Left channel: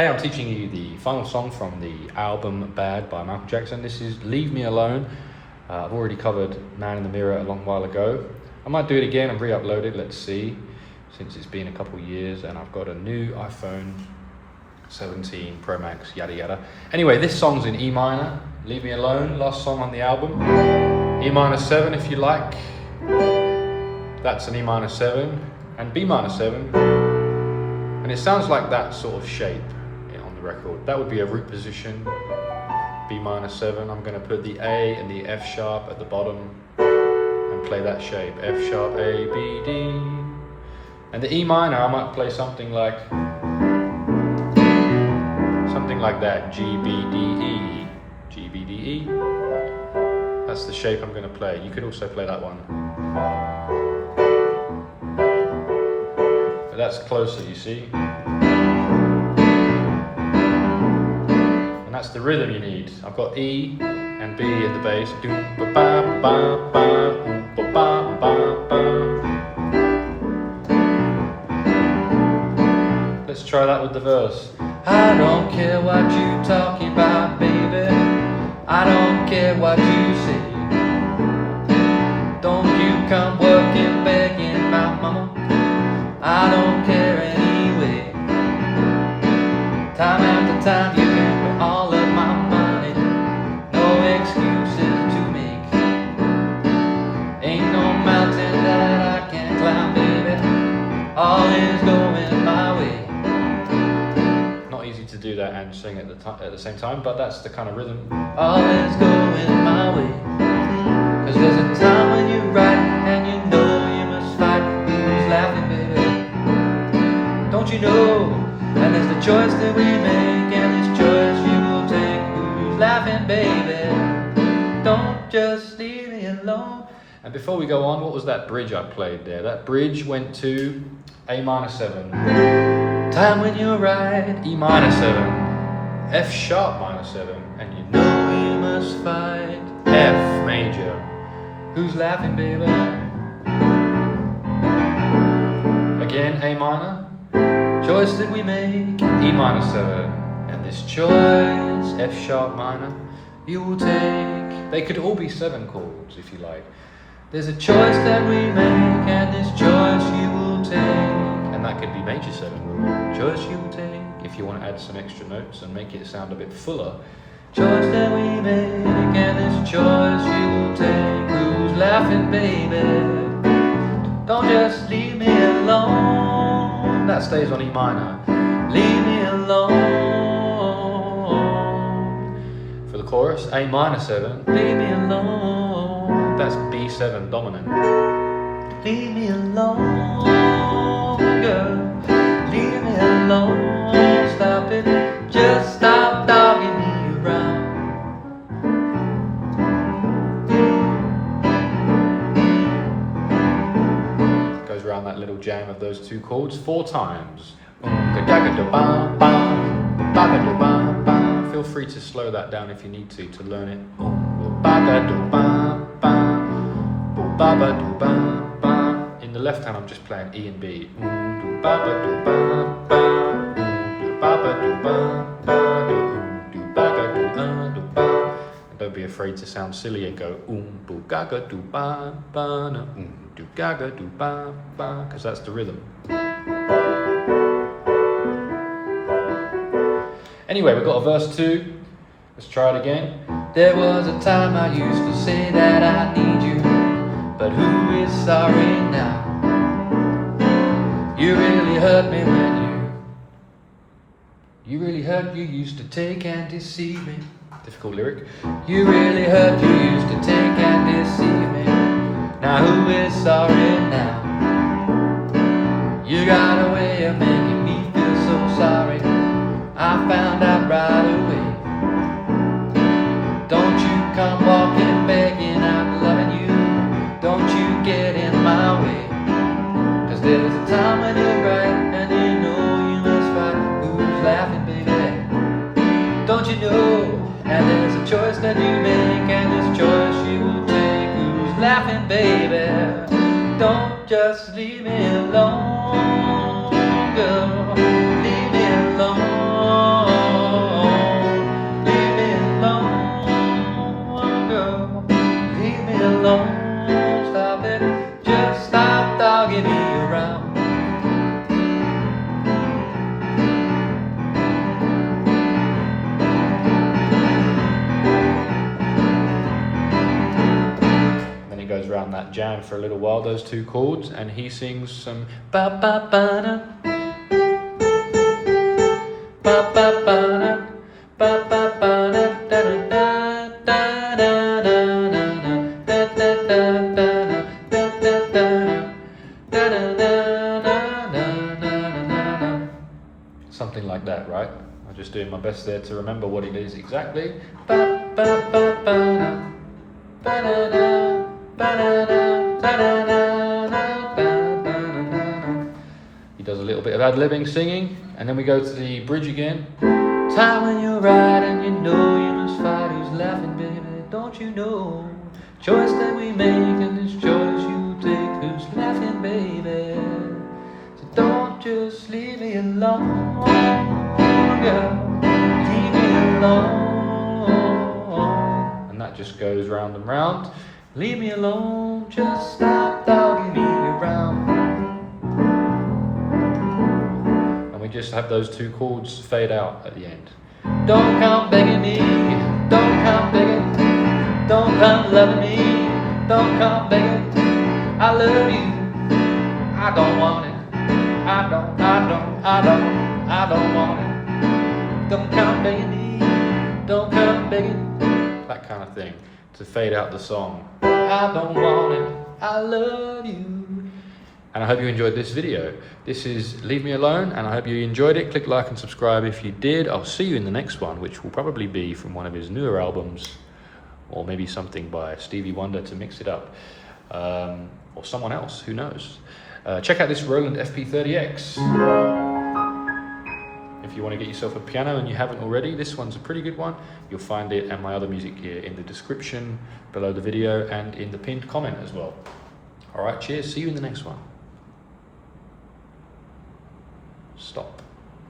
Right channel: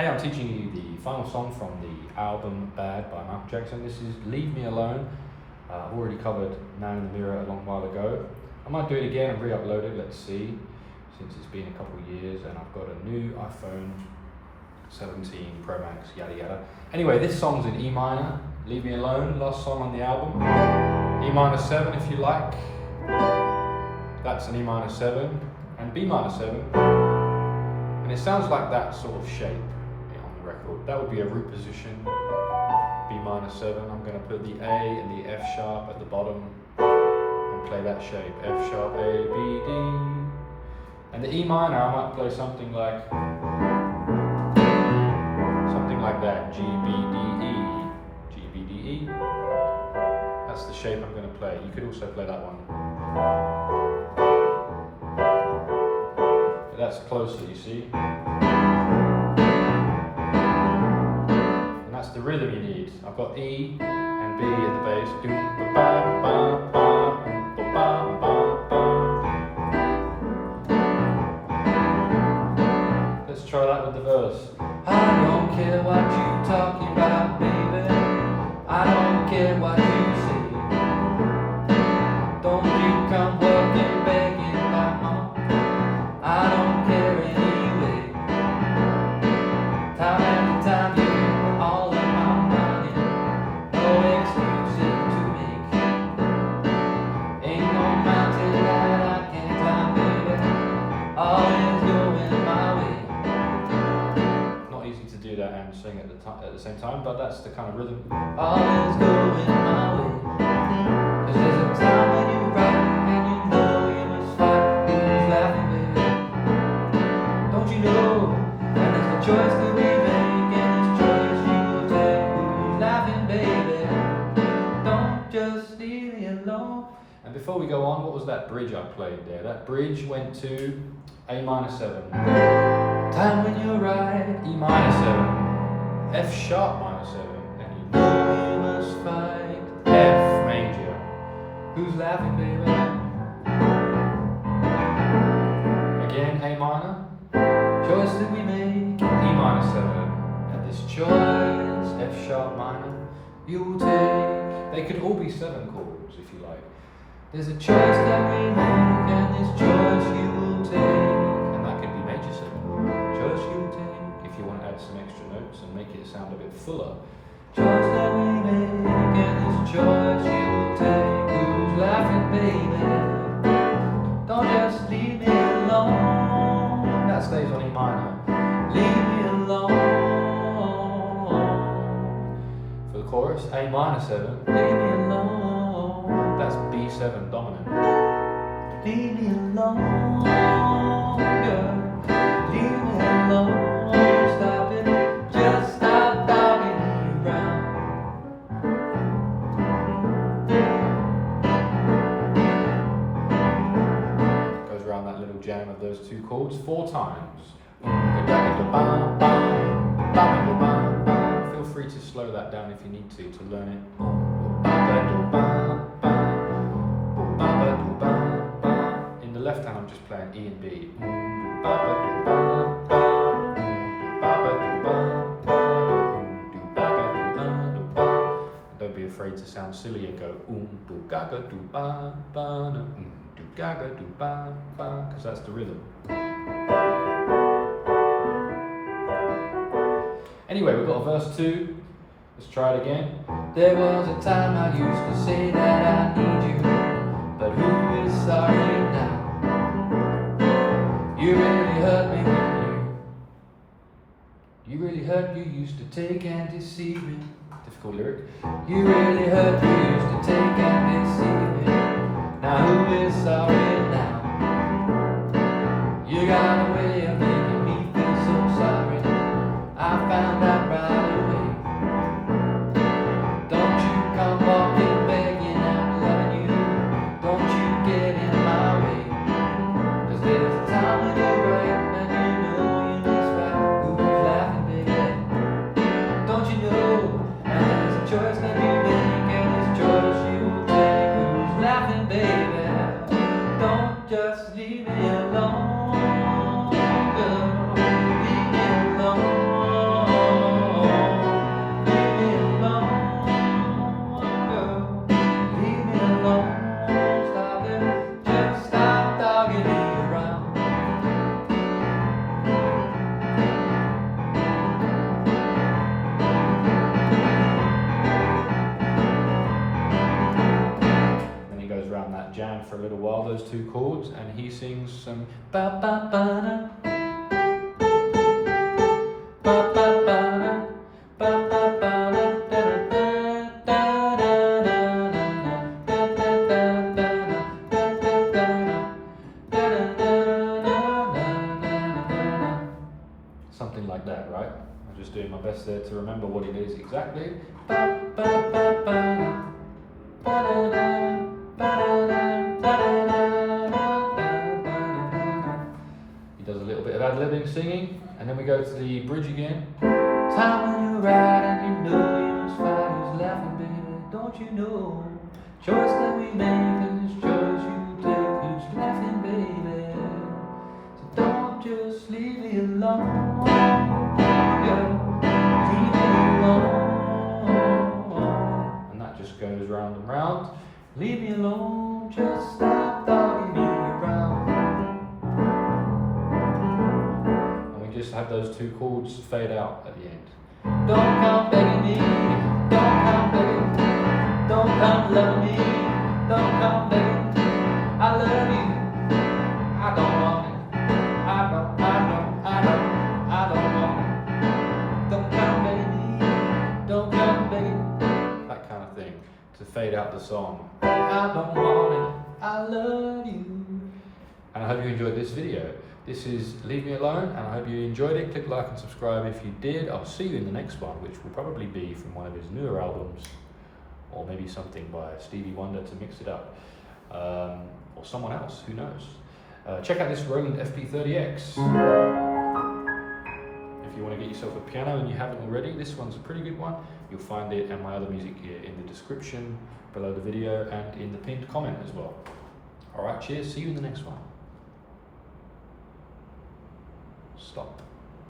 Hey, I'm teaching you the final song from the album Bad by Michael Jackson. This is Leave Me Alone. I've already covered Man in the Mirror a long while ago. I might do it again and re-upload it, let's see, since it's been a couple of years and I've got a new iPhone 17 Pro Max, yada yada. Anyway, this song's in E minor, Leave Me Alone, last song on the album. E minor 7 if you like. That's an E minor 7 and B minor 7. And it sounds like that sort of shape on the record. That would be a root position, B minor 7. I'm going to put the A and the F sharp at the bottom and play that shape, F sharp, A, B, D. And the E minor, I might play something like that, G, B, D, E, G, B, D, E. That's the shape I'm going to play. You could also play that one. But that's closer, you see. And that's the rhythm you need. I've got E and B in the bass. Let's try that with the verse. I don't care what you talking about, baby. I don't care what you say. Don't you come working, begging my mom. I don't care anyway. Time after time you give all of my money. No excuses to make. Ain't no mountain that I can't climb, baby. All is going my way. Not easy to do that and sing at the same time, but that's the kind of rhythm. All is going my way. Cause there's a time when you write and you know you must fight. Who's laughing, baby? Don't you know? And there's the choice that we make, and this choice you will take. Who's laughing, baby? Don't just leave me alone. And before we go on, what was that bridge I played there? That bridge went to A minor 7. Time when you're right, E minor 7. F sharp minor 7. And you know you must fight. F major. Who's laughing, baby? Again, A minor. Choice that we make, E minor 7. And this choice, F sharp minor, you will take. They could all be 7 chords if you like. There's a choice that we make, and this choice you will take. And that could be major 7. Choice you will take. If you want to add some extra notes and make it sound a bit fuller. Choice that we make, and this choice you will take. Who's laughing, baby? Don't just leave me alone. That stays on E minor. Leave me alone. For the chorus, A minor 7. Leave me alone. That's B7 dominant. Leave me alone, girl. Leave me alone. Stop it. Just stop dogging me around. Goes around that little jam of those 2 chords 4 times. Feel free to slow that down if you need to learn it. In the left hand I'm just playing E and B. Don't be afraid to sound silly and go because that's the rhythm. Anyway, we've got a verse 2. Let's try it again. There was a time I used to say that I need you, but who is sorry now? You really hurt me when you really hurt, you used to take and deceive me. Difficult lyric. You really hurt, you used to take and deceive me. Now who is sorry now? You got a way of making me feel so sorry. I found out right away. Don't you come walking, begging, I'm loving you. Don't you get in my way. Cause there's a time when you're right, and you know you must fight. Who's laughing, baby? Don't you know? And there's a choice that you make, and this choice you will take. Who's laughing, baby? Don't for a little while, those two chords, and he sings some ba ba ba da, ba ba ba da, ba ba ba da, da da da da da da da, something like that, right? I'm just doing my best there to remember what it is exactly. Ba ba ba ba da. He does a little bit of ad-libbing, singing, and then we go to the bridge again. Time when you're right and you know you must fight. Who's laughing, baby? Don't you know? Choice that we make and this choice you take. Who's laughing, baby? So don't just leave me alone, girl. Leave me alone. Just goes round and round. Leave me alone, just stop dogging me around. And we just have those two chords fade out at the end. Don't come begging me, don't come begging, don't come loving me, don't come begging. I love you, I don't want it, I don't want it. Don't come begging me, don't come begging. Kind of thing to fade out the song. I don't want it, I love you. And I hope you enjoyed this video. This is Leave Me Alone, and I hope you enjoyed it. Click like and subscribe if you did. I'll see you in the next one, which will probably be from one of his newer albums, or maybe something by Stevie Wonder to mix it up, or someone else, who knows. Check out this Roland FP-30X. If you want to get yourself a piano and you haven't already, this one's a pretty good one. You'll find it and my other music gear in the description below the video and in the pinned comment as well. All right, cheers. See you in the next one.